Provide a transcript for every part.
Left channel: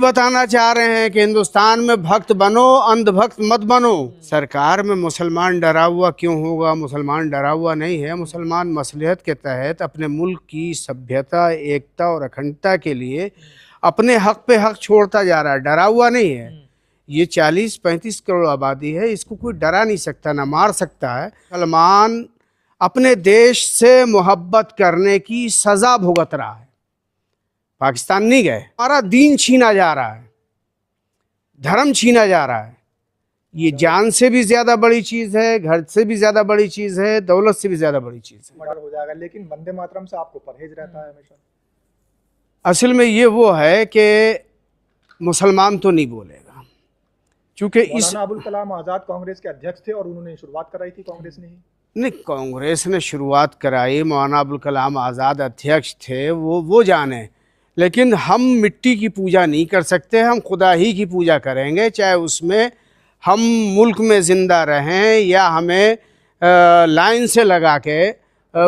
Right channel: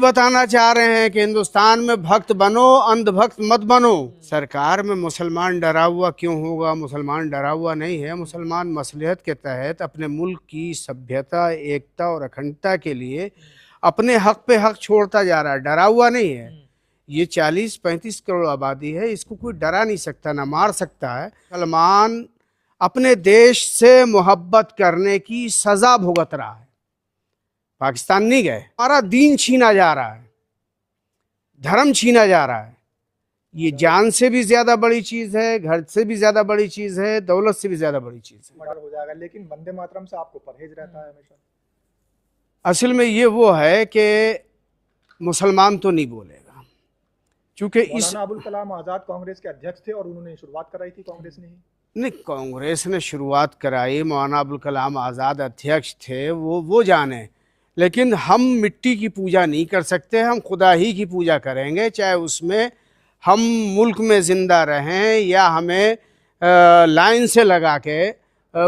बताना चाह रहे हैं कि हिंदुस्तान में भक्त बनो, अंधभक्त मत बनो। सरकार में मुसलमान डरा हुआ क्यों होगा? मुसलमान डरा हुआ नहीं है। मुसलमान मसलहत के तहत अपने मुल्क की सभ्यता, एकता और अखंडता के लिए अपने हक पे हक छोड़ता जा रहा है, डरा हुआ नहीं है। ये 40-35 करोड़ आबादी है, इसको कोई डरा नहीं सकता, ना मार सकता है। मुसलमान अपने देश से मोहब्बत करने की सजा भुगत रहा है। पाकिस्तान नहीं गए, हमारा दीन छीना जा रहा है, धर्म छीना जा रहा है। ये जान से भी ज्यादा बड़ी चीज है, घर से भी ज्यादा बड़ी चीज है, दौलत से भी ज्यादा बड़ी चीज है। हो जाएगा, लेकिन वंदे मातरम से आपको परहेज रहता है हमेशा। असल में ये वो है कि मुसलमान तो नहीं बोलेगा, क्योंकि इस अबुल कलाम आजाद कांग्रेस के अध्यक्ष थे और उन्होंने शुरुआत कराई थी कांग्रेस ने ही। नहीं, कांग्रेस ने शुरुआत कराई, मौलाना अबुल कलाम आज़ाद अध्यक्ष थे, वो जाने। लेकिन हम मिट्टी की पूजा नहीं कर सकते, हम खुदा ही की पूजा करेंगे, चाहे उसमें हम मुल्क में ज़िंदा रहें या हमें लाइन से लगा के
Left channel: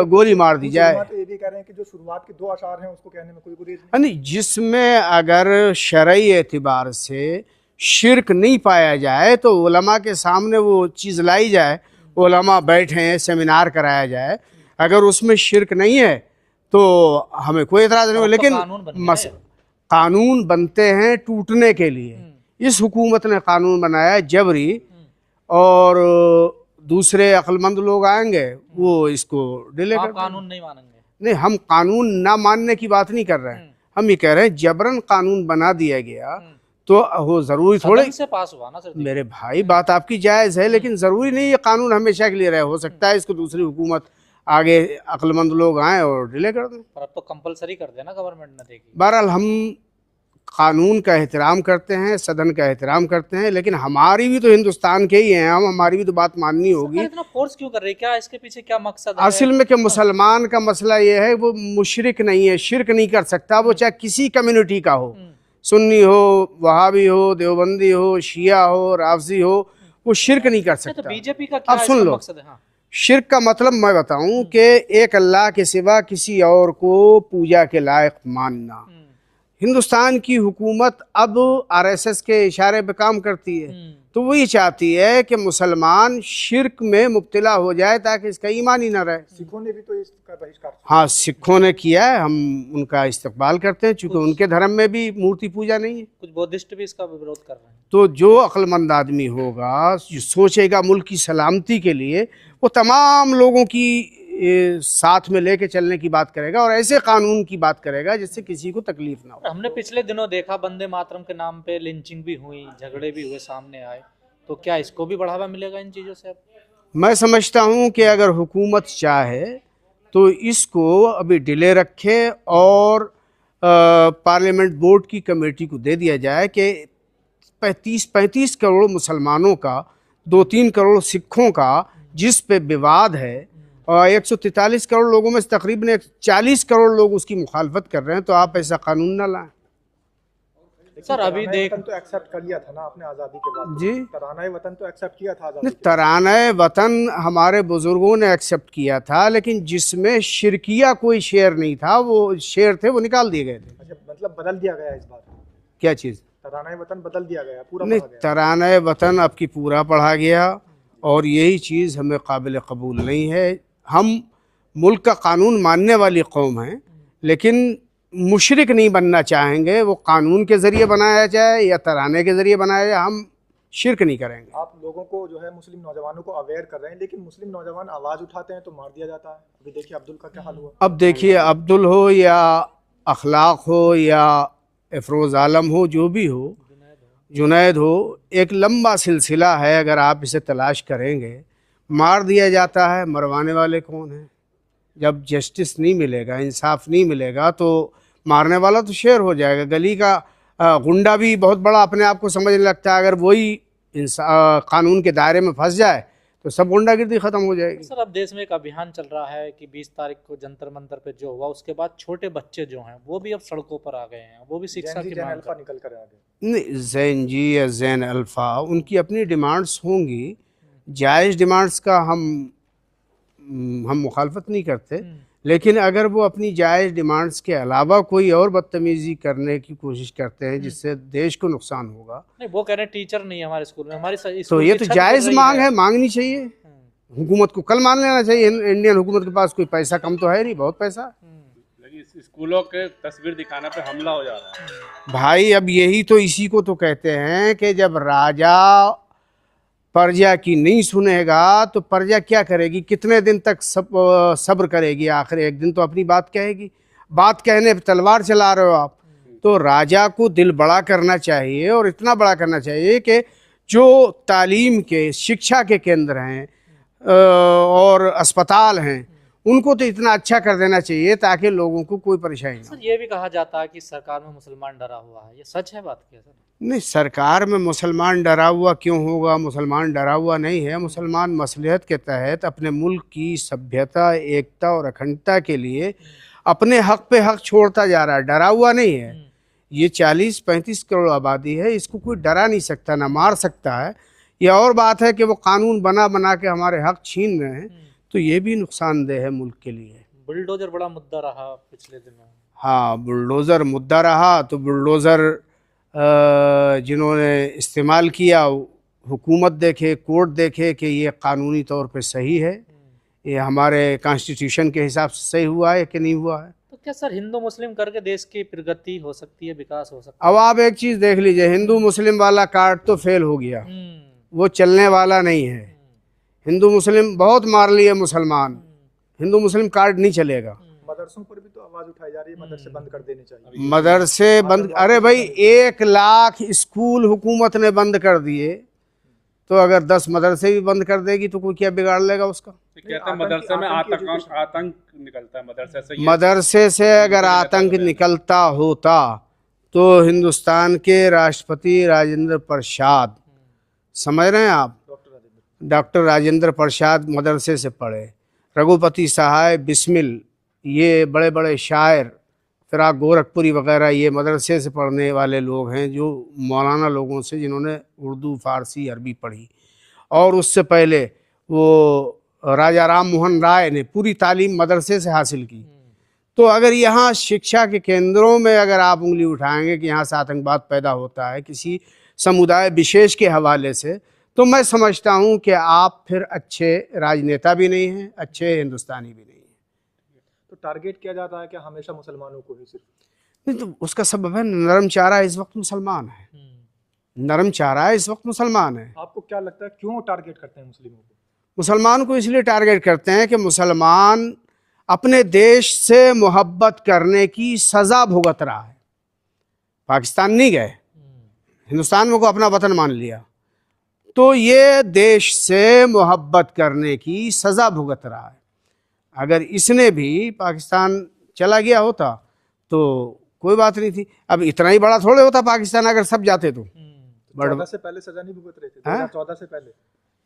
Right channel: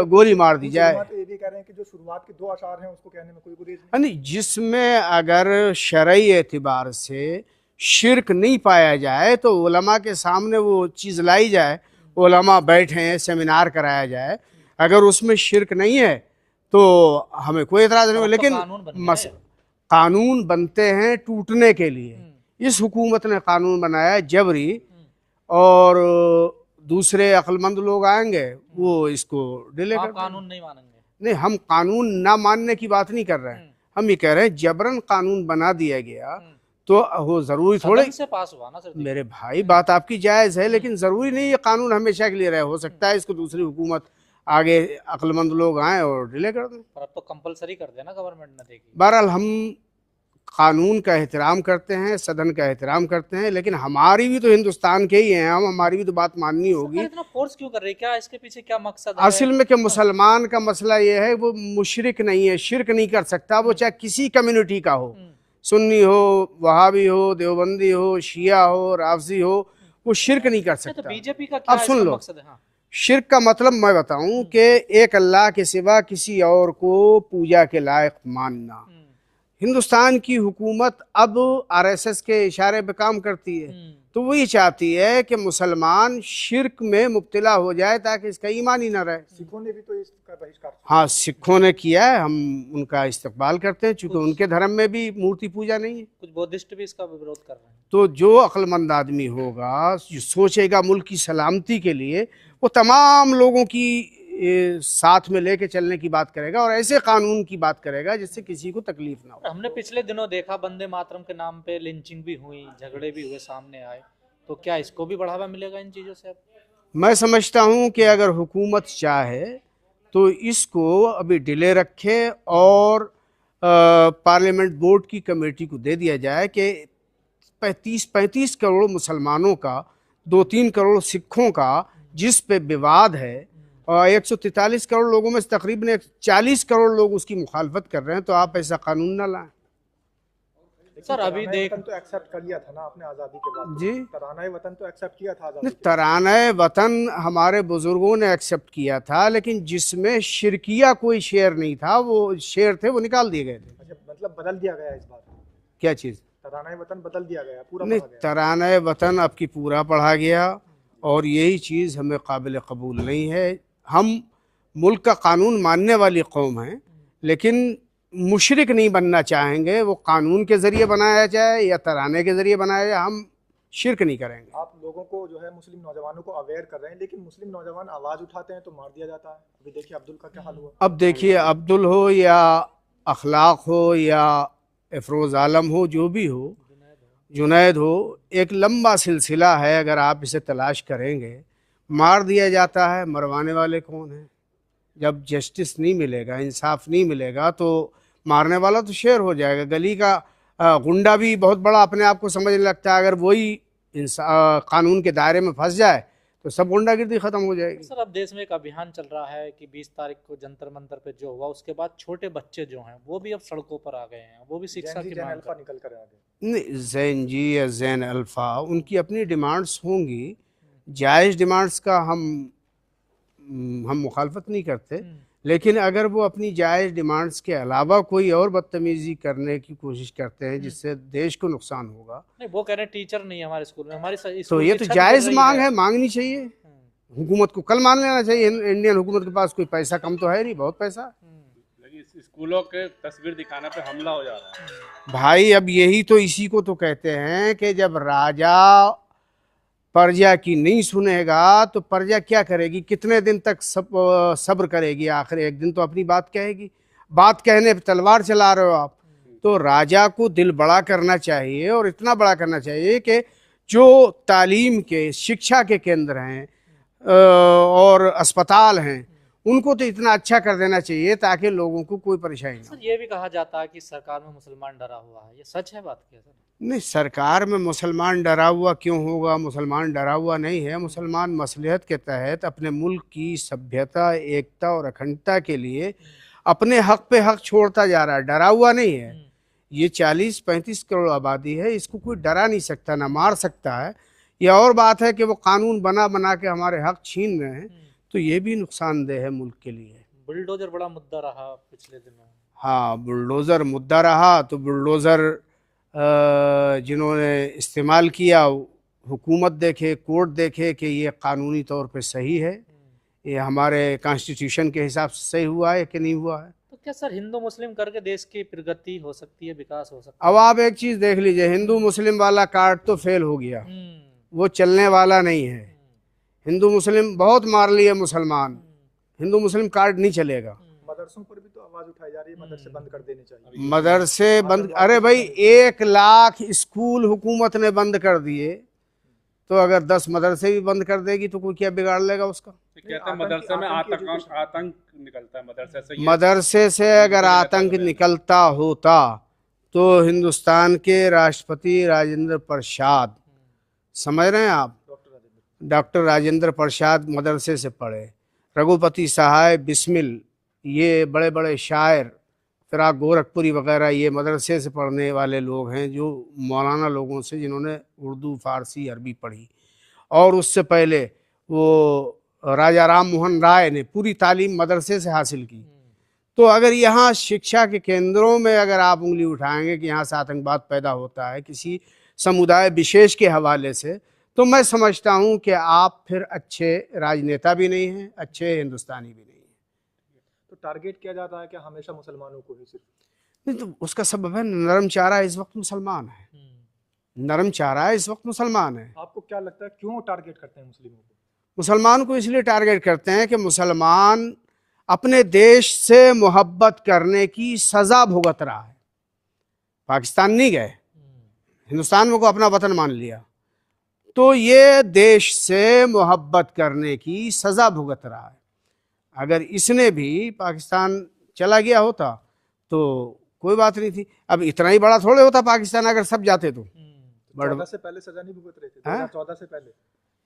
गोली मार दी जाए। तो ये भी कह रहे हैं कि जो शुरुआत के 2 अशार हैं उसको कहने में कोई गुरेज नहीं, जिसमें अगर शरई एतबार से शिरक नहीं पाया जाए तो उलमा के सामने वो चीज़ लाई जाए, उलमा बैठे हैं, सेमिनार कराया जाए। अगर उसमें शिरक नहीं है तो हमें कोई एतराज़ नहीं हो। लेकिन कानून बनते हैं टूटने के लिए। इस हुकूमत ने कानून बनाया जबरी, और दूसरे अक्लमंद लोग आएंगे वो इसको डिले कर। कानून नहीं मानेंगे? नहीं, हम कानून ना मानने की बात नहीं कर रहे हैं, हम ये कह रहे हैं जबरन कानून बना दिया गया तो वो जरूरी थोड़ी से पास हुआ ना सर। मेरे भाई, बात आपकी जायज़ है, लेकिन ज़रूरी नहीं ये कानून हमेशा के लिए रहे। हो सकता है इसको दूसरी हुकूमत आगे अक्लमंद लोग आए और डिले कर दें। पर अब तो कंपलसरी कर देना गवर्नमेंट ने देगी। बहरहाल हम कानून का एहतराम करते हैं, सदन का एहतराम करते हैं, लेकिन हमारी भी तो हिंदुस्तान के ही हैं हम, हमारी भी तो बात माननी होगी। इतना फोर्स क्यों कर रही है? क्या इसके पीछे क्या मकसद है? असल में कि मुसलमान का मसला ये है, वो मुशरिक नहीं है, शिरक नहीं कर सकता। वो चाहे किसी कम्युनिटी का हो, सुन्नी हो, वहाबी हो, देवबंदी हो, शिया हो, राफजी हो, वो शिरक नहीं कर सकता। तो बीजेपी का क्या अब सुन लो, मकसद है? हाँ। शिरक का मतलब मैं बताऊं कि एक अल्लाह के सिवा किसी और को पूजा के लायक मानना। हिंदुस्तान की हुकूमत अब आरएसएस के इशारे पे काम करती है, तो वही चाहती है कि मुसलमान शिरक में मुब्तला हो जाए ताकि इसका ईमान ही ना रहे। सिखों ने भी तो इसका बहिष्कार, हाँ, सिखों ने किया है, हम उनका इस्तकबाल करते हैं, चूँकि उनके धर्म में भी मूर्ति पूजा नहीं है। कुछ बौद्धिस्ट भी इसका विरोध कर रहे हैं। तो जो अक्लमंद आदमी होगा, जो सोचेगा मुल्क की सलामती के लिए, वो तमाम लोगों की साथ में लेके चलने की बात करेगा और ऐसे कानून की बात करेगा जिससे किसी को तकलीफ ना हो। हमने पिछले दिनों देखा वंदे मातरम के नाम पे लिंचिंग भी हुई, झगड़े भी हुए, सामने आए, तो क्या इसको भी बढ़ावा मिलेगा इन चीज़ों से? अब मैं समझता हूँ कि अगर हुकूमत चाहे तो इसको अभी डिले रखे और पार्लियामेंट बोर्ड की कमेटी को दे दिया जाए कि 35 करोड़ मुसलमानों का, 2-3 करोड़ सिखों का जिस पे विवाद है, और 143 करोड़ लोगों में से तकरीबन 40 करोड़ लोग उसकी मुखालफत कर रहे हैं, तो आप ऐसा कानून ना लाएं। सर अभी देख तो एक्सेप्ट कर लिया था ना आपने आज़ादी के बाद जी, तराना वतन तो एक्सेप्ट किया था आज़ादी के बाद। तराना वतन हमारे बुजुर्गों ने एक्सेप्ट किया था, लेकिन जिसमें शिरकिया कोई शेर नहीं था, वो शेर थे वो निकाल दिए गए थे। अच्छा, मतलब बदल दिया गया इस बार? क्या चीज़? तराना वतन बदल दिया गया, पूरा नहीं, पढ़ा गया। तराना वतन अब की पूरा पढ़ा गया और यही चीज़ हमें काबिल कबूल नहीं है। हम मुल्क का कानून मानने वाली कौम हैं, लेकिन मुशरिक नहीं बनना चाहेंगे। वो कानून के ज़रिए बनाया जाए या तराने के ज़रिए बनाया जाए, हम शिरक नहीं करेंगे। आप लोगों को जो है मुस्लिम नौजवानों को अवेयर कर रहे हैं, लेकिन मुस्लिम नौजवान आवाज़ उठाते हैं तो मार दिया जाता है। अभी देखिए अब्दुल का क्या हाल हुआ। अब देखिए, अब्दुल हो या अखलाक हो या अफरोज़ आलम हो, जो भी हो, जुनैद हो, एक लंबा सिलसिला है। अगर आप इसे तलाश करेंगे, मार दिया जाता है, मरवाने वाले कौन हैं? जब जस्टिस नहीं मिलेगा, इंसाफ नहीं मिलेगा, तो मारने वाला तो शेर हो जाएगा। गली का गुंडा भी बहुत बड़ा अपने आप को समझने लगता है। अगर वही कानून के दायरे में फंस जाए तो सब गुंडागिर्दी खत्म हो जाएगी। सर अब देश में एक अभियान चल रहा है कि 20 तारीख को जंतर मंतर पे जो हुआ, उसके बाद छोटे बच्चे जो हैं वो भी अब सड़कों पर आ गए हैं, वो भी शिक्षा की मांग कर। निकल कर आ गए। नहीं, जैन जी या जैन अल्फा, उनकी अपनी डिमांड्स होंगी, जायज़ डिमांड्स का हम मुखालफत नहीं करते, लेकिन अगर वो अपनी जायज़ डिमांड्स के अलावा कोई और बदतमीज़ी करने की कोशिश करते हैं जिससे देश को नुकसान होगा, नहीं वो कह रहे हैं टीचर नहीं है हमारे स्कूल में, हमारी तो स्कूल ये की तो छत जायज़ गिर रही मांग है। है, मांगनी चाहिए। हुकूमत को कल मान लेना चाहिए, इंडियन हुकूमत के पास कोई पैसा कम तो है नहीं, बहुत पैसा। लेकिन इस स्कूलों के तस्वीर दिखाने पे हमला हो जा रहा है। भाई अब यही तो, इसी को तो कहते हैं कि जब राजा प्रजा की नहीं सुनेगा तो प्रजा क्या करेगी, कितने दिन तक सब्र करेगी, आखिर एक दिन तो अपनी बात कहेगी। बात कहने पे तलवार चला रहे हो आप। तो राजा को दिल बड़ा करना चाहिए, और इतना बड़ा करना चाहिए कि जो तालीम के, शिक्षा के केंद्र हैं और अस्पताल हैं, उनको तो इतना अच्छा कर देना चाहिए ताकि लोगों को कोई परेशानी ना हो। सर ये भी कहा जाता है कि सरकार में मुसलमान डरा हुआ है, ये सच है बात क्या सर? नहीं, सरकार में मुसलमान डरा हुआ क्यों होगा? मुसलमान डरा हुआ नहीं है। मुसलमान मसलहत के तहत अपने मुल्क की सभ्यता, एकता और अखंडता के लिए अपने हक पे हक छोड़ता जा रहा है, डरा हुआ नहीं है। ये 40-35 करोड़ आबादी है, इसको कोई डरा नहीं सकता, ना मार सकता है। ये और बात है कि वो कानून बना बना के हमारे हक छीन रहे हैं, तो ये भी नुकसानदेह है मुल्क के लिए। बुलडोजर बड़ा मुद्दा रहा पिछले दिनों। हाँ, बुलडोज़र मुद्दा रहा, तो बुलडोज़र जिन्होंने इस्तेमाल किया, हुकूमत देखे, कोर्ट देखे कि ये कानूनी तौर पे सही है, ये हमारे कॉन्स्टिट्यूशन के हिसाब से सही हुआ है कि नहीं हुआ है। तो क्या सर हिंदू मुस्लिम करके देश की प्रगति हो सकती है, विकास हो सकता अब आप एक चीज़ देख लीजिए, हिंदू मुस्लिम वाला कार्ड तो फेल हो गया, है? वो चलने वाला नहीं है। हिंदू मुस्लिम बहुत मार लिए मुसलमान, हिंदू मुस्लिम कार्ड नहीं चलेगा। मदरसों पर भी तो आवाज उठाई जा रही है, मदरसे बंद कर देने चाहिए। मदरसे बंद, अरे भाई 1 लाख स्कूल हुकूमत ने बंद कर दिए, तो अगर 10 मदरसे भी बंद कर देगी तो कोई क्या बिगाड़ लेगा उसका? कहते हैं मदरसे में आतंक निकलता है मदरसे से। मदरसे से अगर आतंक निकलता होता तो हिंदुस्तान के राष्ट्रपति राजेंद्र प्रसाद, समझ रहे हैं आप, डॉक्टर राजेंद्र प्रसाद मदरसे से पढ़े। रघुपति सहाय, बिस्मिल, ये बड़े बड़े शायर, फिराक गोरखपुरी वगैरह, ये मदरसे से पढ़ने वाले लोग हैं, जो मौलाना लोगों से जिन्होंने उर्दू, फ़ारसी, अरबी पढ़ी। और उससे पहले वो राजा राम मोहन राय ने पूरी तालीम मदरसे से हासिल की। तो अगर यहाँ शिक्षा के केंद्रों में अगर आप उंगली उठाएंगे कि यहाँ से आतंकवाद पैदा होता है किसी समुदाय विशेष के हवाले से, तो मैं समझता हूँ कि आप फिर अच्छे राजनेता भी नहीं हैं, अच्छे हिंदुस्तानी भी नहीं हैं। तो टारगेट किया जाता है कि हमेशा मुसलमानों को ही सिर्फ? नहीं, तो उसका सबब है नरम चारा इस वक्त मुसलमान है, नरम चारा इस वक्त मुसलमान है। आपको क्या लगता है क्यों टारगेट करते हैं मुस्लिमों को? मुसलमान को इसलिए टारगेट करते हैं कि मुसलमान अपने देश से मोहब्बत करने की सज़ा भुगत रहा है। पाकिस्तान नहीं गए, हिंदुस्तान में को अपना वतन मान लिया, तो ये देश से मोहब्बत करने की सज़ा भुगत रहा है। अगर इसने भी पाकिस्तान चला गया होता तो कोई बात नहीं थी। अब इतना ही बड़ा थोड़े होता पाकिस्तान अगर सब जाते तो। 14 से पहले सजा नहीं भुगत रहे थे? 2014 से पहले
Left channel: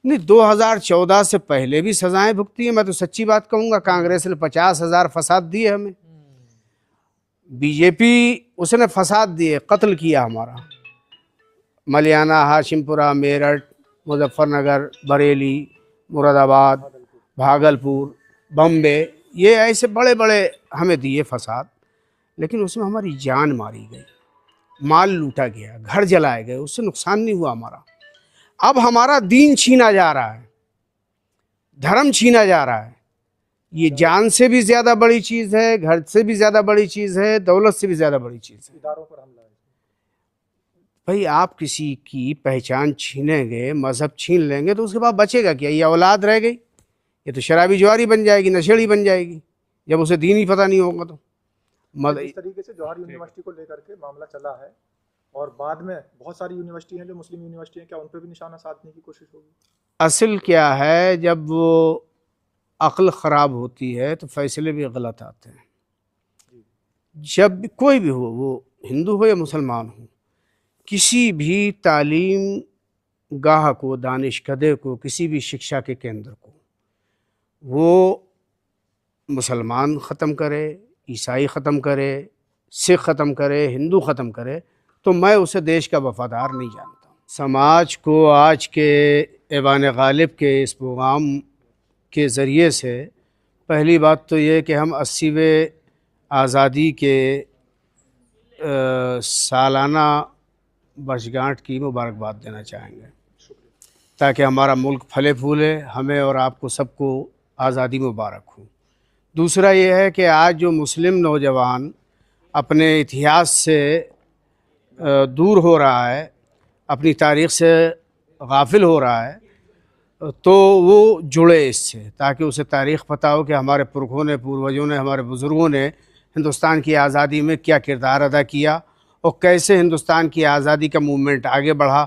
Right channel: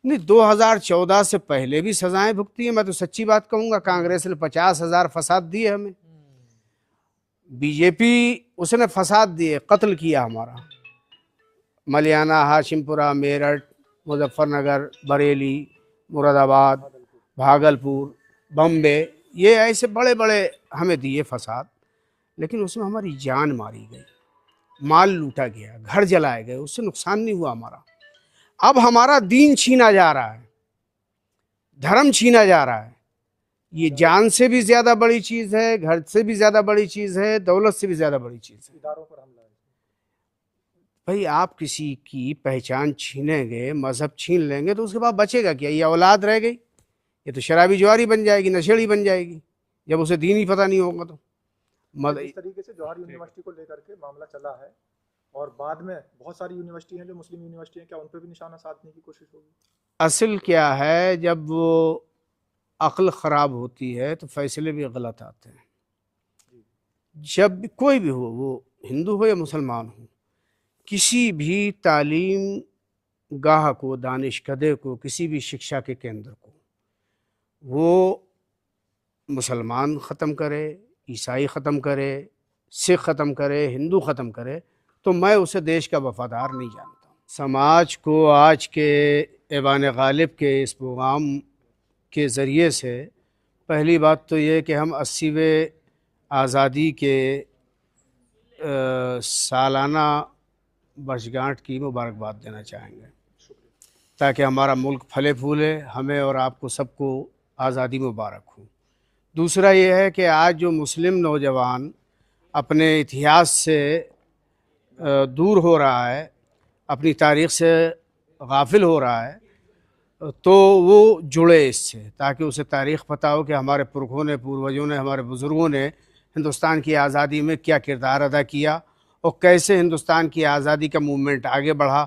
नहीं, 2014 से पहले भी सजाएं भुगती है। मैं तो सच्ची बात कहूँगा, कांग्रेस ने 50,000 फसाद दिए हमें, बीजेपी उसने फसाद दिए, कत्ल किया हमारा। मलियाना, हाशिमपुरा, मेरठ, मुजफ्फरनगर, बरेली, मुरादाबाद, भागलपुर, बम्बे, ये ऐसे बड़े बड़े हमें दिए फसाद, लेकिन उसमें हमारी जान मारी गई, माल लूटा गया, घर जलाए गए, उससे नुकसान नहीं हुआ हमारा। अब हमारा दीन छीना जा रहा है, धर्म छीना जा रहा है। ये जान से भी ज़्यादा बड़ी चीज़ है, घर से भी ज़्यादा बड़ी चीज़ है, दौलत से भी ज़्यादा बड़ी चीज़ है। इदारों पर हमला है। भाई आप किसी की पहचान छीनेंगे, मजहब छीन लेंगे, तो उसके बाद बचेगा क्या? ये औलाद रह गई, ये तो शराबी जुआरी बन जाएगी, नशेड़ी बन जाएगी, जब उसे दीन ही पता नहीं होगा तो। इस तरीके से जौहर यूनिवर्सिटी को लेकर के मामला चला है, और बाद में बहुत सारी यूनिवर्सिटी हैं जो मुस्लिम यूनिवर्सिटी हैं, क्या उन पर भी निशाना साधने की कोशिश होगी? असल क्या है, जब वो अक्ल ख़राब होती है तो फैसले भी गलत आते हैं। जब कोई भी हो, वो हिंदू हो या मुसलमान हो, किसी भी तालीम गाह को, दानिशकदे को, किसी भी शिक्षा के केंद्र को वो मुसलमान ख़त्म करे, ईसाई ख़त्म करे, सिख ख़त्म करे, हिंदू ख़त्म करे, तो मैं उसे देश का वफ़ादार नहीं जानता। समाज को आज के ऐवान गालिब के इस प्रोग्राम के ज़रिए से पहली बात तो ये कि हम 80वें आज़ादी के सालाना वर्षगांठ की मुबारकबाद देना चाहेंगे, ताकि हमारा मुल्क फले फूले, हमें और आपको सबको आज़ादी मुबारक हो। दूसरा ये है कि आज जो मुस्लिम नौजवान अपने इतिहास से दूर हो रहा है, अपनी तारीख़ से गाफिल हो रहा है, तो वो जुड़े इससे, ताकि उसे तारीख़ पता हो कि हमारे पुरखों ने, पूर्वजों ने, हमारे बुज़ुर्गों ने हिंदुस्तान की आज़ादी में क्या किरदार अदा किया और कैसे हिंदुस्तान की आज़ादी का मूवमेंट आगे बढ़ा,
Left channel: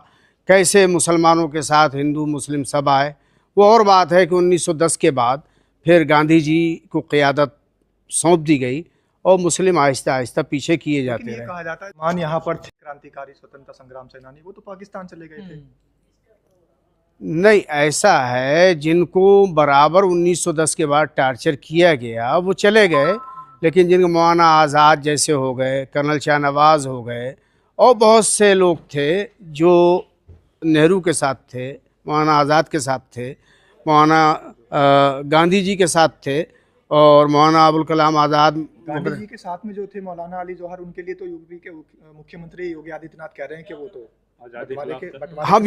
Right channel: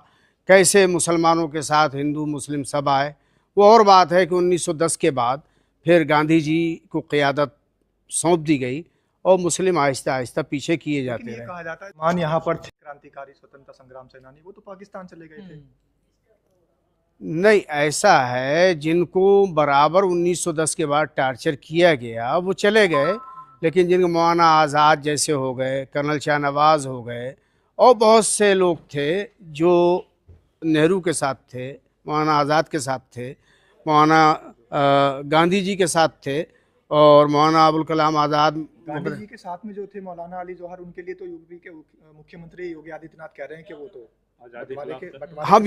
कैसे मुसलमानों के साथ हिंदू मुस्लिम सब आए। वो और बात है कि 1910 के बाद फिर गांधी जी को क़यादत सौंप दी गई और मुस्लिम आहिस्ता आहिस्ता पीछे किए जाते लेकिन ये रहे। कहा जाता है मान यहाँ पर थे क्रांतिकारी स्वतंत्रता संग्राम सेनानी, वो तो पाकिस्तान चले गए थे। नहीं, ऐसा है, जिनको बराबर 1910 के बाद टार्चर किया गया वो चले गए, लेकिन जिनको मौलाना आज़ाद जैसे हो गए, कर्नल शाहनवाज हो गए, और बहुत से लोग थे जो नेहरू के साथ थे, मौलाना आज़ाद के साथ थे, मौलाना गांधी जी के साथ थे, और मौलाना अबुल कलाम आज़ाद। गांधी जी के साथ में जो थे मौलाना अली जौहर, उनके लिए तो यूपी के मुख्यमंत्री योगी आदित्यनाथ कह रहे हैं कि वो तो आज़ादी बंटवारे खिलाफ के थे। बंटवारे हम